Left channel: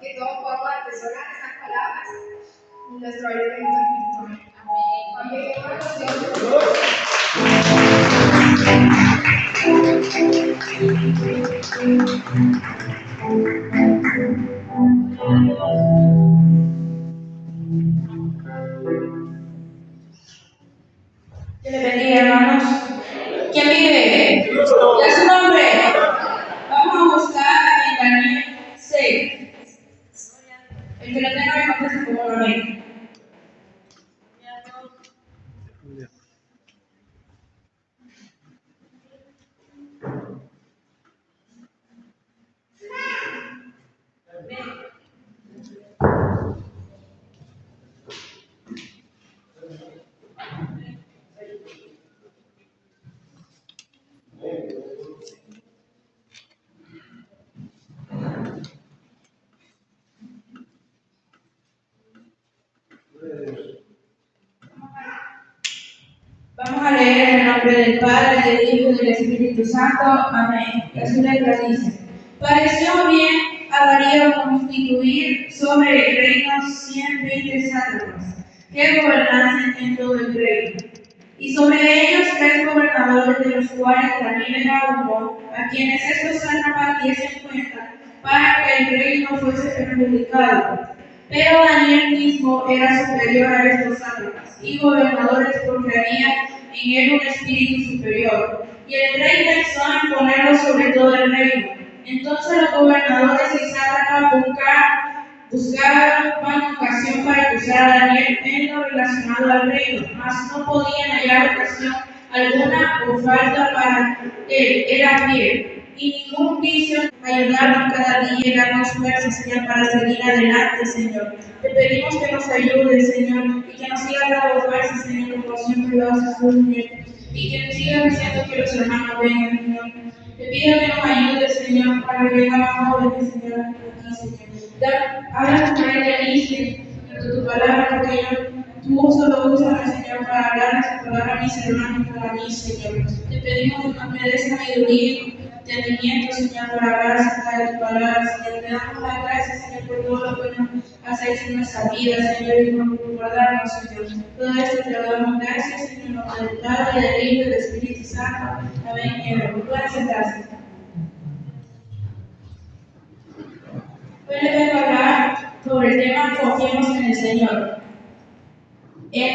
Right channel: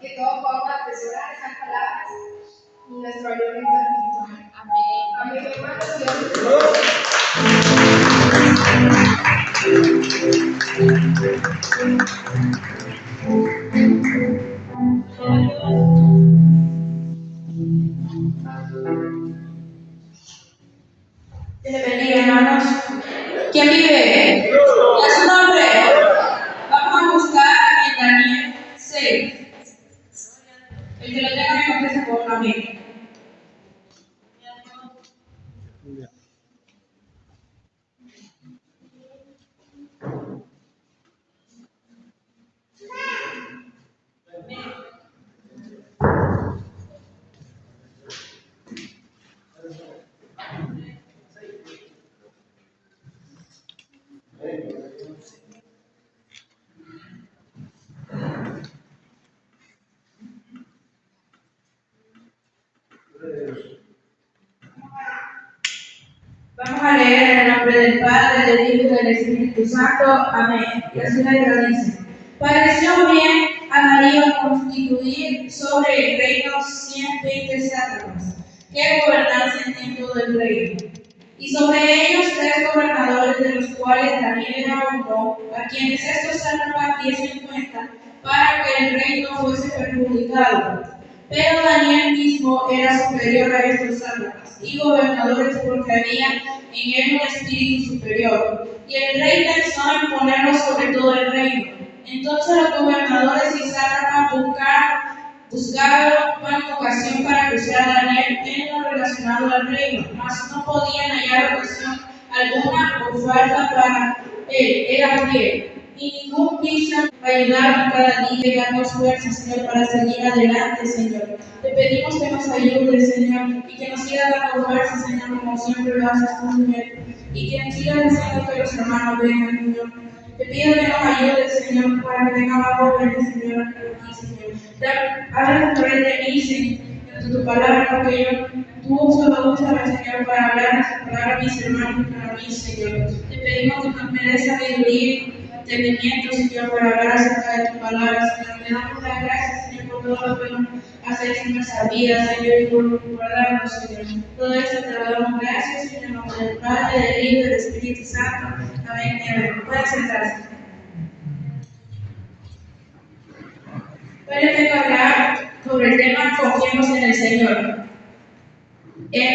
que todos podamos atesorar esas palabras en nuestro alimento espiritual. Amén. Amén, hermanos. Que le bendiga, hermanos. ¿Quién vive? ¿Ya su nombre? Vamos a buscar en Daniel 6. El que lo tenga me contesta por la mente. Vamos a leer en el nombre del Padre, del Hijo y del Espíritu Santo. Amén. Y así letra dice: pareció bien a Darío constituir sobre el reino 120 sátrapas, que gobernasen en todo el reino. Y sobre ellos 3 gobernadores, de los cuales Daniel era uno, a quienes estos sátrapas diesen cuenta, para que el reino fuese perjudicado. Pero Daniel mismo era superior a estos sátrapas y gobernadores, porque había en él un espíritu superior. Y el rey pensó en ponerlo sobre todo el reino. Entonces los gobernadores y sátrapas buscaban ocasión para acusar a Daniel en lo relacionado al reino, mas no podían hallar ocasión alguna o falta para él. Era fiel y ningún vicio. Ayudarnos cada día y darnos fuerza, Señor, para seguir adelante, Señor. Te pedimos que nos ayudes, Señor, y que nos sigas dando fuerza, Señor, como siempre lo haces tú, Señor, y que nos sigas haciendo que los hermanos vengan, Señor. Te pido que nos ayudes, Señor, para que vengan más jóvenes, Señor, aquí, Señor. Háblanos a través de mí, Señor, de tu palabra, porque tú solo úsame, Señor, para hablar esa palabra a mis hermanos y para mí, Señor. Te pedimos que nos me des sabiduría, entendimiento, Señor, para hablar acerca de tu palabra, Señor. Te damos las gracias, Señor, por todo lo que nos haces en nuestra vida, Señor, y por guardarnos, Señor. Todo esto te lo damos gracias, Señor, en nombre del Padre, del Hijo y del Espíritu Santo. Amén y amén. Pueden sentarse. Hoy les vengo a hablar sobre el tema Confiemos en el Señor. En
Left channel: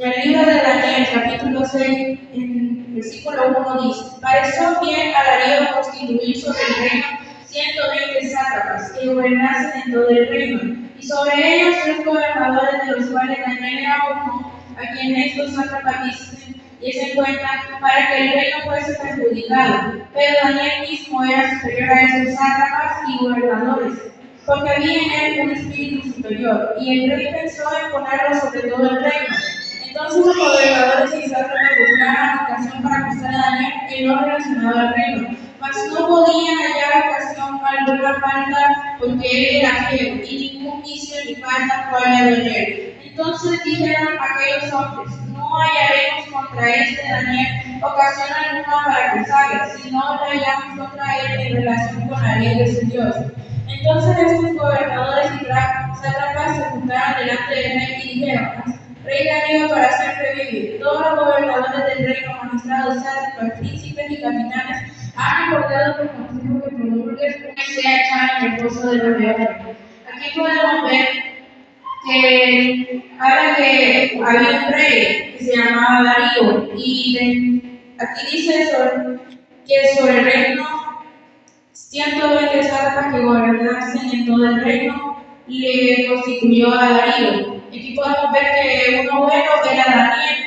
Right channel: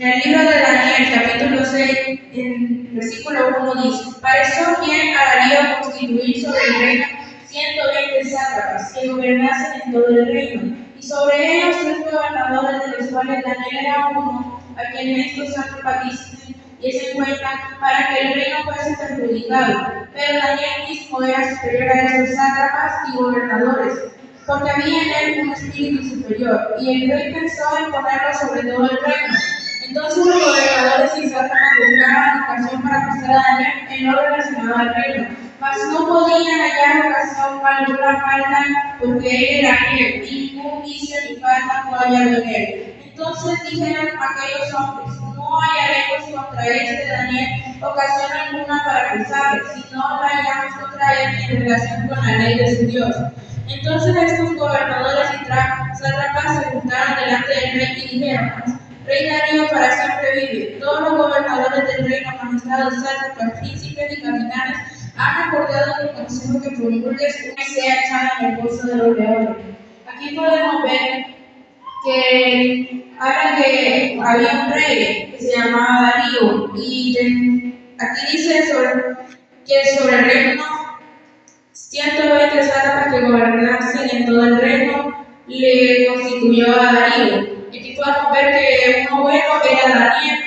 el libro de Daniel, capítulo 6, en versículo 1 dice: pareció bien a Darío constituir sobre el reino 120 sátrapas, que gobernasen en todo el reino, y sobre ellos 3 gobernadores, de los cuales Daniel era uno, a quien estos sátrapas diesen cuenta, para que el reino fuese perjudicado. Pero Daniel mismo era superior a estos sátrapas y gobernadores, porque había en él un espíritu superior, y el rey pensó en ponerlo sobre todo el reino. Entonces los gobernadores y sátrapas buscaban ocasión para acusar a Daniel en lo relacionado al reino, mas no podían hallar ocasión alguna falta, porque él era fiel, y ningún vicio ni falta fue hallado en él. Entonces dijeron aquellos hombres: no hallaremos contra este Daniel ocasión alguna para acusarle, si no la hallamos contra él en relación con la ley de su Dios. Entonces estos gobernadores y sátrapas se juntaron delante del rey y dijeron: Rey Darío para siempre vive. Todos los gobernadores del reino, magistrados, sátrapas, príncipes y capitanes han acordado que el consejo que promulgues sea echado en el pozo de los leones. Aquí podemos ver que habla que había un rey que se llamaba Darío, y aquí dice que sobre el reino 120 sátrapas que gobernasen en todo el reino le constituyó a Darío. Aquí podemos ver que uno bueno era Daniel,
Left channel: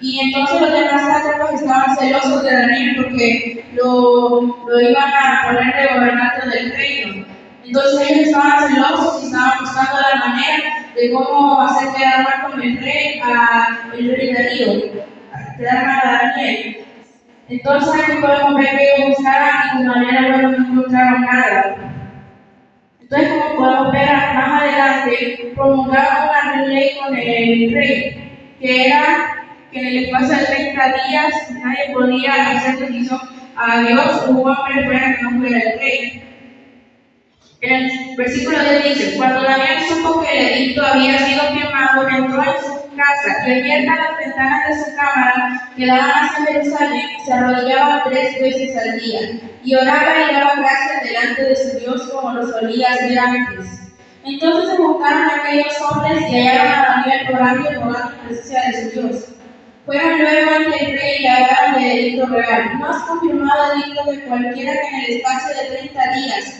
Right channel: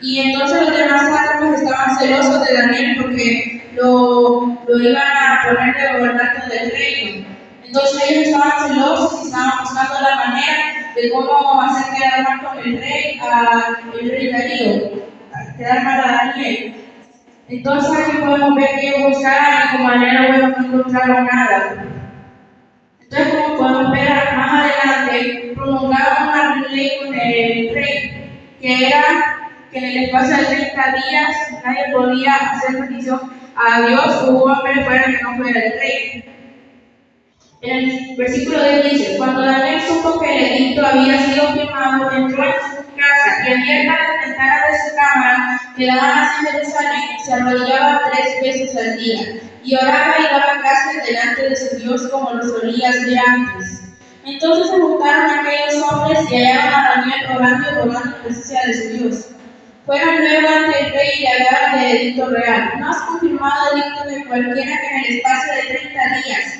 y entonces los demás sátrapas estaban celosos de Daniel porque lo iban a poner de gobernante del reino. Entonces ellos estaban celosos y estaban buscando la manera de cómo hacer quedar mal con el rey, el rey Darío, quedar mal a Daniel. Entonces aquí podemos ver que ellos buscaron y como manera no encontraron nada. Entonces, como podemos ver más adelante, promulgaron una ley con el rey, que era que en el espacio de 30 días nadie podía hacer petición a Dios o un hombre fuera que no fuera el rey. En el versículo 10 dice: Cuando Daniel supo que el edicto había sido firmado, entró en su casa y abiertas las ventanas de su cámara que daban hacia Jerusalén, se arrodillaba 3 veces al día y oraba y daba gracias delante de su Dios como lo solía hacer antes. Entonces se juntaron aquellos hombres y hallaron a Daniel orando y rogando en presencia de su Dios. Fueron luego ante el rey y le hablaron del edicto real. ¿No has confirmado el edicto de cualquiera que en el espacio de 30 días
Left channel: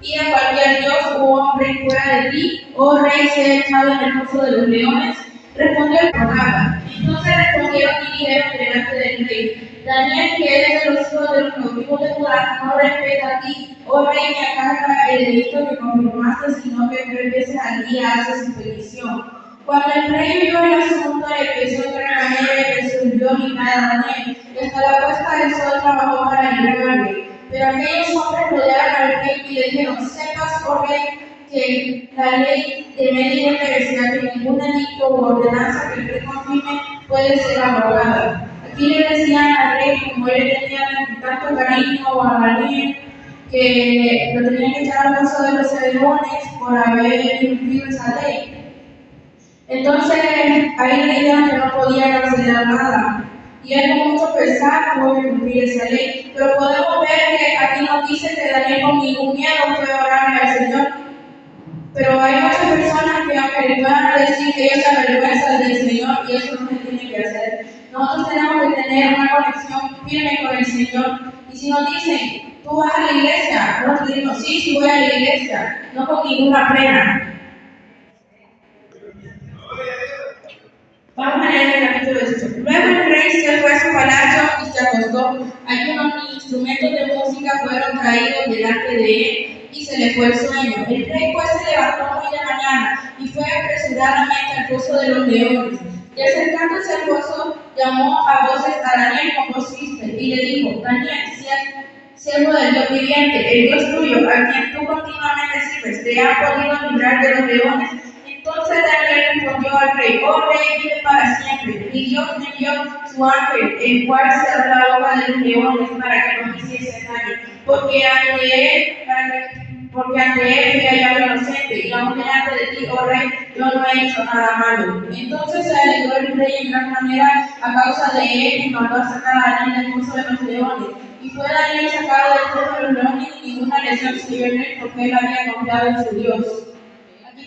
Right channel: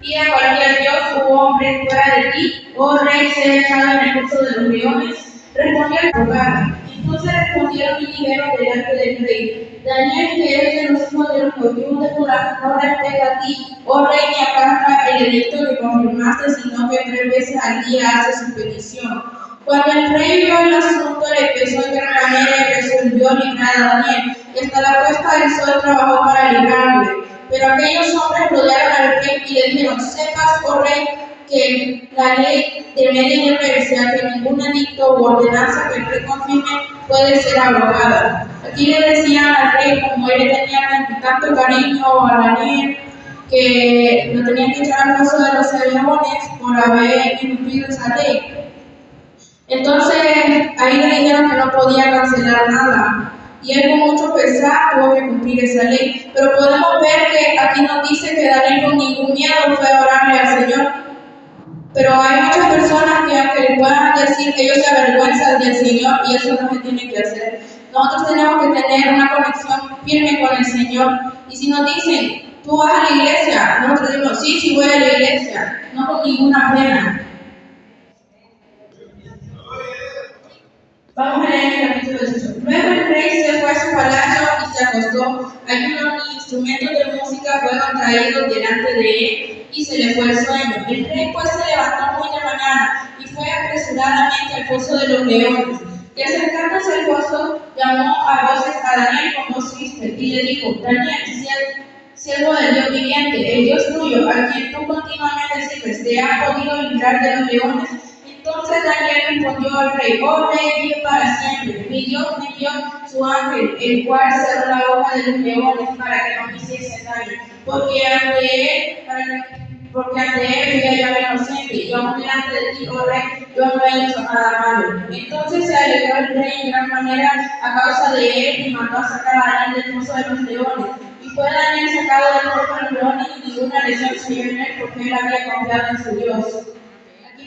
pida a cualquier dios u hombre fuera de ti, oh rey, sea echado en el foso de los leones? Respondió el rogaba. Entonces respondieron y dijeron delante del rey: Daniel, que eres de los hijos de los cautivos de Judá, no respeta a ti, oh rey, ni acata el edicto que confirmaste, sino que 3 veces al día hace su petición. Cuando el rey vio el asunto, le pesó en gran manera y resolvió librar a Daniel, y hasta la puesta del sol trabajó para librarle. Pero aquellos hombres rodearon al rey y le dijeron: sepas, oh rey, que la ley de Media Persia, que ningún edicto u ordenanza que el rey confirme puede ser abrogada. Aquí le decían al rey, como él tenía tanto cariño a Daniel, que lo tenían que echar al foso de los leones por haber incumplido esa ley. Entonces ahí le dijeron que no podía cancelar nada. Y él con mucho pesar tuvo que cumplir esa ley. Pero podemos ver que aquí nos dice que Daniel con ningún miedo fue a orarle al Señor. Pero hay muchas personas que aunque le puedan decir que ellos se avergüenzan del Señor, y eso no se tiene que hacer. Nosotros tenemos que tener una conexión firme con el Señor. Y si nos dicen: tú vas a la iglesia, nosotros decimos: sí voy a la iglesia, no con ninguna pena. Vamos a leer el capítulo 18. Luego el rey se fue a su palacio y se acostó. Algunos instrumentos de música fueron traídos delante de él y se le fue el sueño. El rey pues se levantó muy de mañana y fue apresuradamente al foso de los leones. Y acercándose al foso, llamó a voces a Daniel con voz triste y le dijo: Daniel, siervo del Dios viviente, el Dios tuyo, a quien tú continuamente sirves, ¿te ha podido librar de los leones? Entonces Daniel respondió al rey: oh rey, vive para siempre. Mi Dios envió su ángel, el cual cerró la boca de los leones para que no me hiciesen daño, porque ante él fui hallado inocente, y aún delante de ti, oh rey, yo no he hecho nada malo. Entonces se alegró el rey en gran manera a causa de él y mandó a sacar a Daniel del foso de los leones. Y fue Daniel sacado del foso de los leones y ninguna lesión se dio en él, porque él había confiado en su Dios.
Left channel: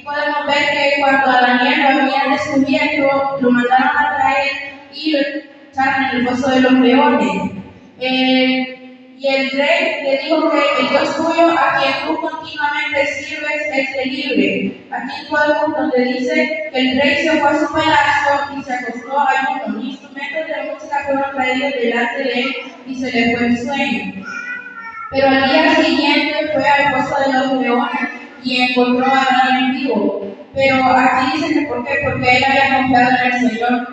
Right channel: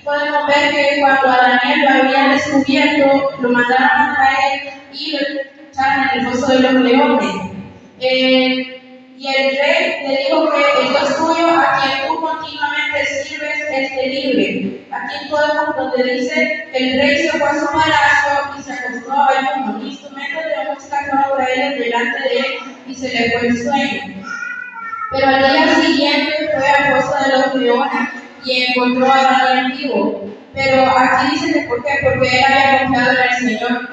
Podemos ver que cuando a Daniel lo habían descubierto, lo mandaron a traer y lo echaron en el foso de los leones. Y el rey le dijo que el Dios tuyo, a quien tú continuamente sirves, esté libre. Aquí podemos donde dice que el rey se fue a su palacio y se acostó a ayuno. Instrumentos de música fueron traídos delante de él y se le fue el sueño. Pero al día siguiente fue al foso de los leones y encontró a Daniel vivo. Pero aquí dice que ¿por qué? Porque él había confiado en el Señor.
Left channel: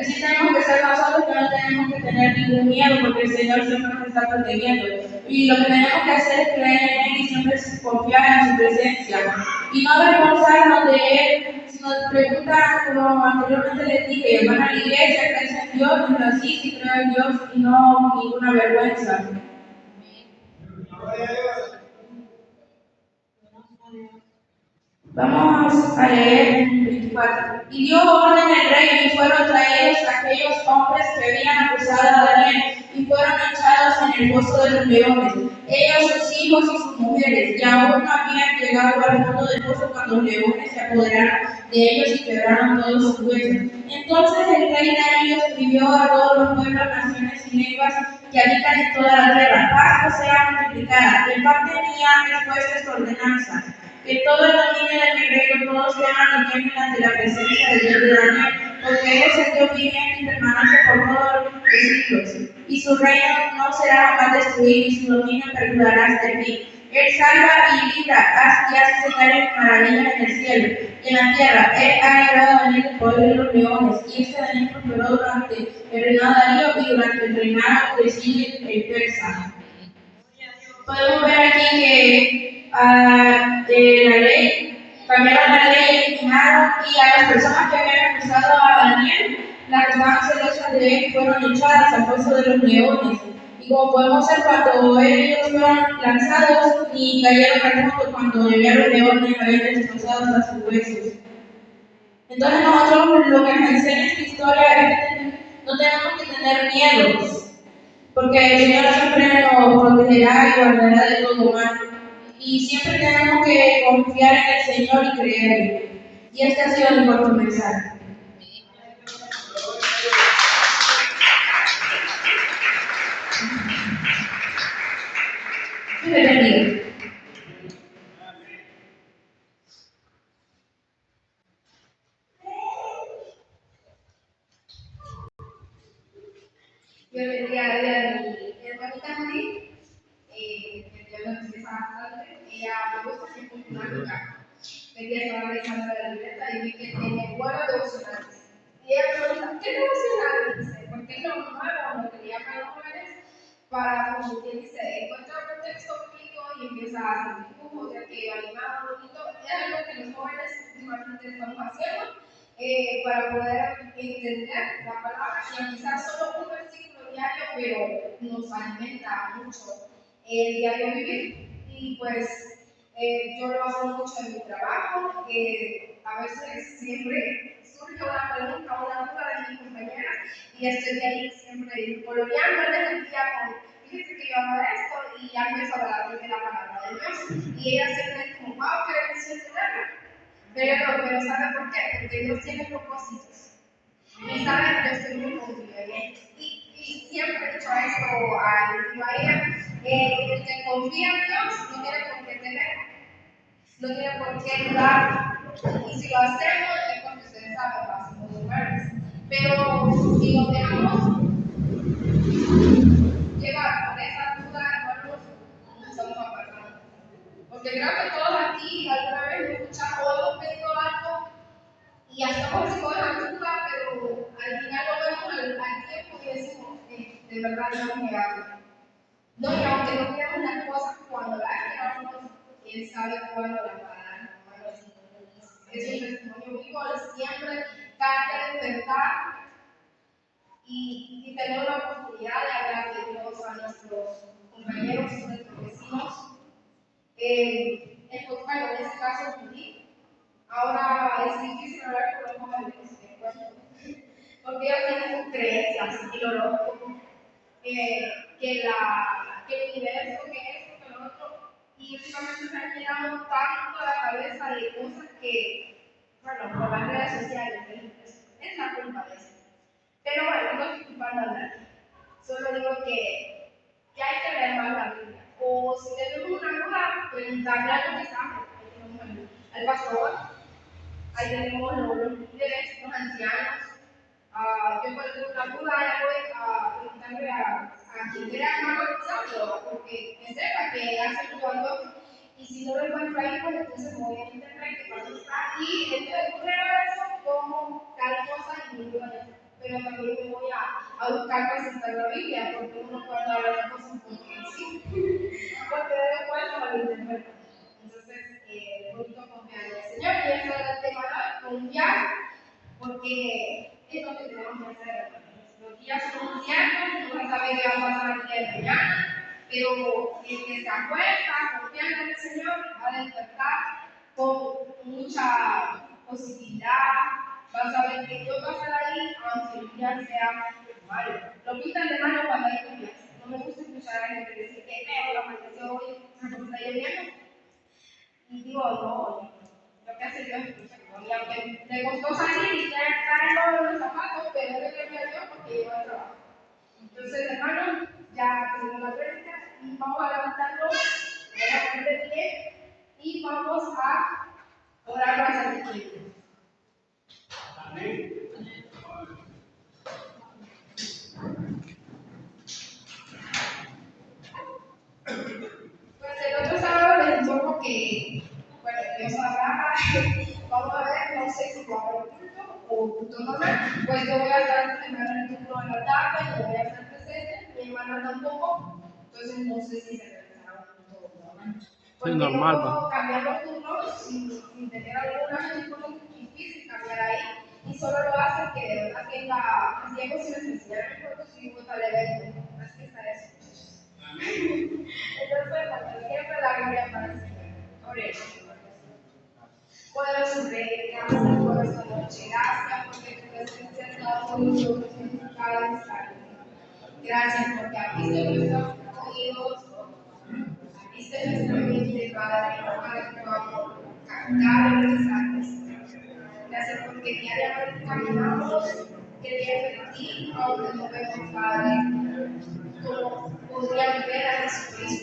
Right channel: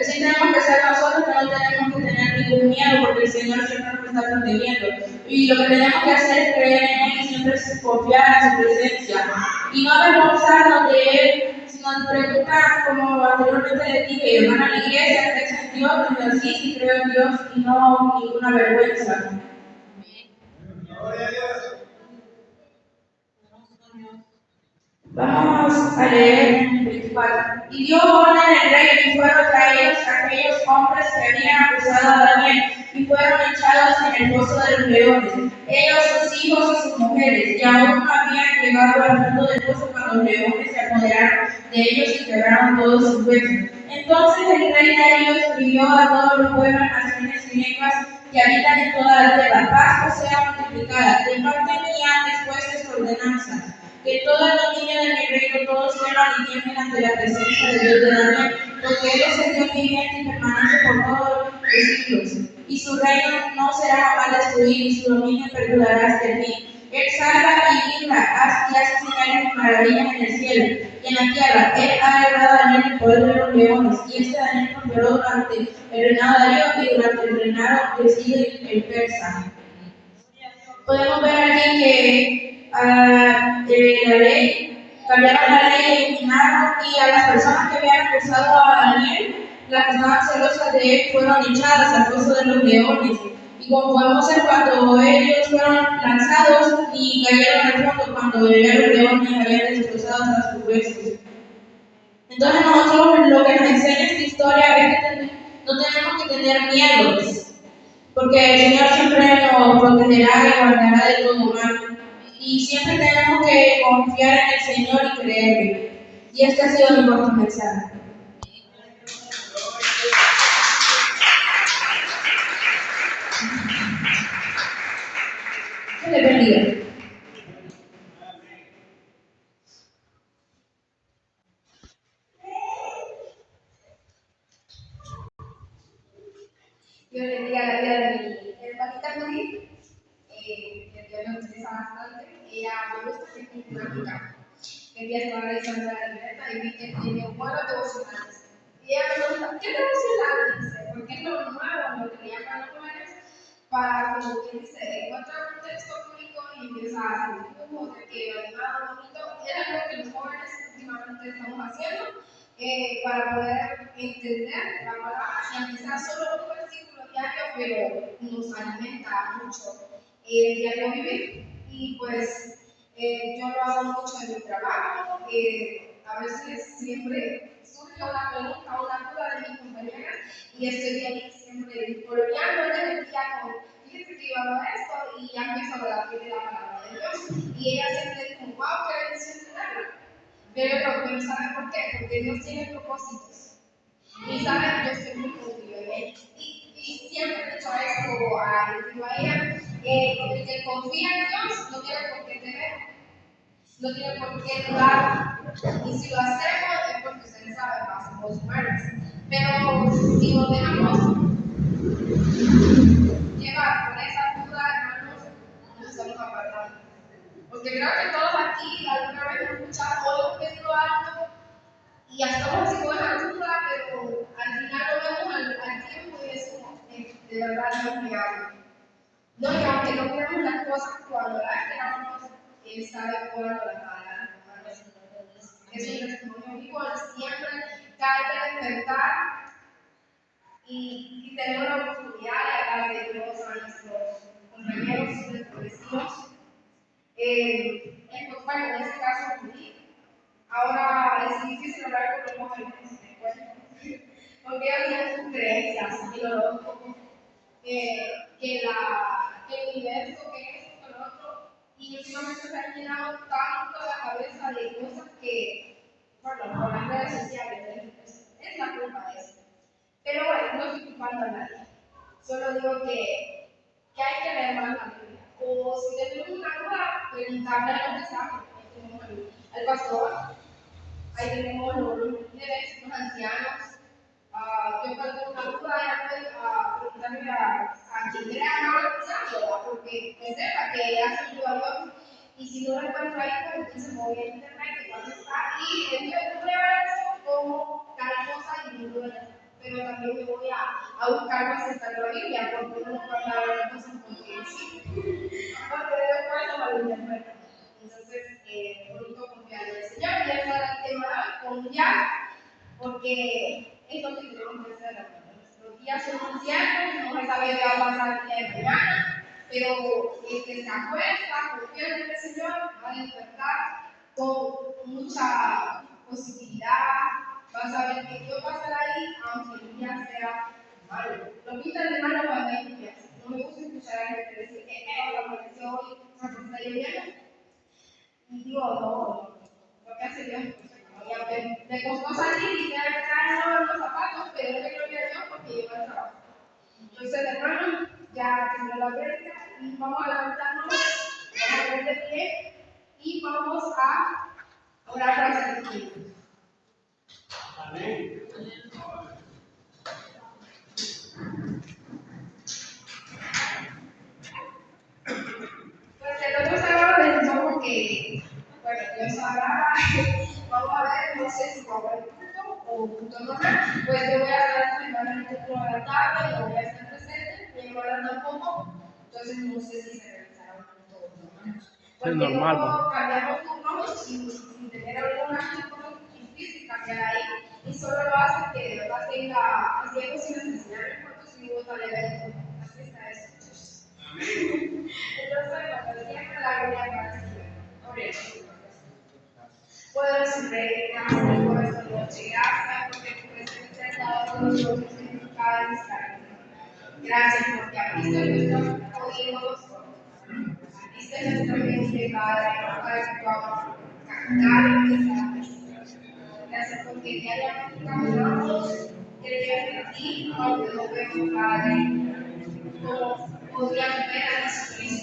Así tenemos que ser nosotros, que no tenemos que tener ningún miedo, porque el Señor siempre nos está protegiendo. Y lo que tenemos que hacer es creer en Él y siempre confiar en su presencia. Y no avergonzarnos de Él. Si nos preguntan, como anteriormente les dije, ¿van a la iglesia? ¿Crees en Dios? Pues sí creo en Dios y no ninguna vergüenza. Vamos a leer el 24. Y dio orden el rey y fueron traídos aquellos hombres que habían acusado a Daniel y fueron echados en el foso de los leones, ellos, sus hijos y sus mujeres, y aún no habían llegado al fondo del foso cuando los leones se apoderaron de ellos y quebraron todos sus huesos. Entonces el rey Darío escribió a todos los pueblos, naciones y lenguas que habitan en toda la tierra: paz sea multiplicada. De parte mía es puesta esta ordenanza: que todo el dominio de mi reino todos teman y tiemblen ante la presencia de Dios de Daniel, porque Él es el Dios viviente y permanece por todos los siglos, y su reino no será jamás destruido, y su dominio perdurará hasta el fin. Él salva y libra, y hace señales y maravillas en el cielo y en la tierra. Él ha librado a Daniel del poder de los leones, y este Daniel prosperó durante el reinado de Darío y durante el reinado de Ciro el persa. Podemos ver aquí que la ley, cambiaron la ley, eliminaron, y a las personas que habían acusado a Daniel, las que estaban celosas de él, fueron echadas al foso de los leones. Y como podemos ver, cuando ellos fueron lanzados y cayeron al fondo, cuando llegaron leones habían destrozado hasta sus huesos. Entonces nosotros lo que nos enseña esta historia es que no tenemos que tener miedos, porque el Señor siempre nos protegerá y guardará de todo mal. Y siempre tenemos que confiar en el Señor y creerle. Y este ha sido mi corto mensaje. Dios le bendiga. Yo le di a mi hermanita Judy, que Dios me utiliza bastante. Ella me gusta que es una amiga. El día estaba revisando la libreta y vi que tiene buenos devocionales. Y ella me pregunta, ¿qué devocional dice? Porque es lo nuevo, lo que llaman los jóvenes, para, como quien dice, encuentra un texto bíblico y empieza a hacer dibujos, de que animado, bonito. Es algo que los jóvenes últimamente estamos haciendo para poder entender la palabra, y aunque sea solo un versículo diario, pero nos alimenta mucho el diario vivir. Y pues yo lo hago mucho en mi trabajo. A veces siempre surge una pregunta o una duda de mis compañeras y estoy ahí siempre coloreando el día con, fíjate que yo hago esto y ya empiezo a hablar de la palabra de Dios. Y ella siempre dice como, wow, qué bendición tenerla. Pero ¿sabe por qué? Porque Dios tiene propósitos. Y sabe, yo estoy muy confiada en él. Y siempre he dicho esto a ella, el que confía en Dios no tiene por qué temer, no tiene por qué dudar. Y si lo hacemos es porque ustedes saben, somos humanos. Pero si nos dejamos llevar por esa duda, hermanos, nos estamos apartando. Porque creo que todos aquí alguna vez hemos escuchado o hemos pedido algo y ya estamos así con la duda, pero al final lo vemos al tiempo y decimos, de verdad Dios me habla. No, y aunque no queremos las cosas cuando las queramos, Él sabe cuándo las va a dar. Es un testimonio vivo, Él siempre cae de despertar y tener una oportunidad de hablar de Dios a nuestros compañeros, nuestros vecinos. Bueno, en ese caso, ahora es difícil hablar con los jóvenes, porque ellos tienen sus creencias, y lo loco, que el universo, que esto, que lo otro, y últimamente se han llenado tanto la cabeza de cosas que, bueno, por las redes sociales, es la culpa de eso. Pero bueno, no estoy culpando a nadie, solo digo que hay que leer más la Biblia, o si tenemos una duda, preguntarle a los que saben. Ahí tenemos al pastor, ahí tenemos los líderes, los ancianos. Yo cuando tengo una duda ya voy a preguntarle a quien crea más bautizado, porque que sepa que hace ayuda a Dios. Y si no lo encuentro ahí, pues entonces me voy a internet, que cuando está, y entonces prueba eso como tal cosa y no lo haya. Pero también me voy a buscar más en la Biblia, porque uno no puede hablar de las cosas porque sí, porque después lo malinterpreta. Entonces, bonito confiar en el Señor, y eso es el tema de hoy, confiar, porque es lo que tenemos que hacer, hermanos. Los días son inciertos, no se sabe qué va a pasar el día de mañana, pero el que se acuesta confiando en el Señor va a despertar con mucha positividad, va a saber que Dios va a estar ahí, aunque el día sea malo. Lo pintan de malo cuando hay lluvias. No me gusta escuchar a gente decir que la amaneció hoy, está lloviendo. Y digo, no, lo que hace Dios es perfecto. Y aunque le costó salir y ya traerlo en los zapatos, pero es que yo quiero Dios porque lleva el trabajo. Entonces, hermanos, ya terminó la prédica y vamos a levantarnos, vamos a poner de pie y vamos a orar para el Espíritu. Amén. Pues el otro sábado les informo que, bueno, Dios hablaba, vamos a ver, no sé si va a haber culto o culto normal, pues yo voy a estar esta semana en el culto de la tarde, no voy a estar presente, mi hermana tampoco, entonces no sé si se realizará un culto normal. Porque normal, no puedo cambiar los turnos sin tener alguna cosa difícil cambiar ahí, y solo lo hace que de verdad tenga, así es posible enseñar el culto si hubo tal evento, así está eso. noche. Gracias porque tu presencia ha estado con nosotros en cada instante. Gracias porque abriste nuestros oídos, abriste nuestra mente, Padre, para que podamos captar el mensaje. Gracias porque diariamente caminamos creyendo en ti, aunque no vemos, Padre, como podrían ver a Jesucristo.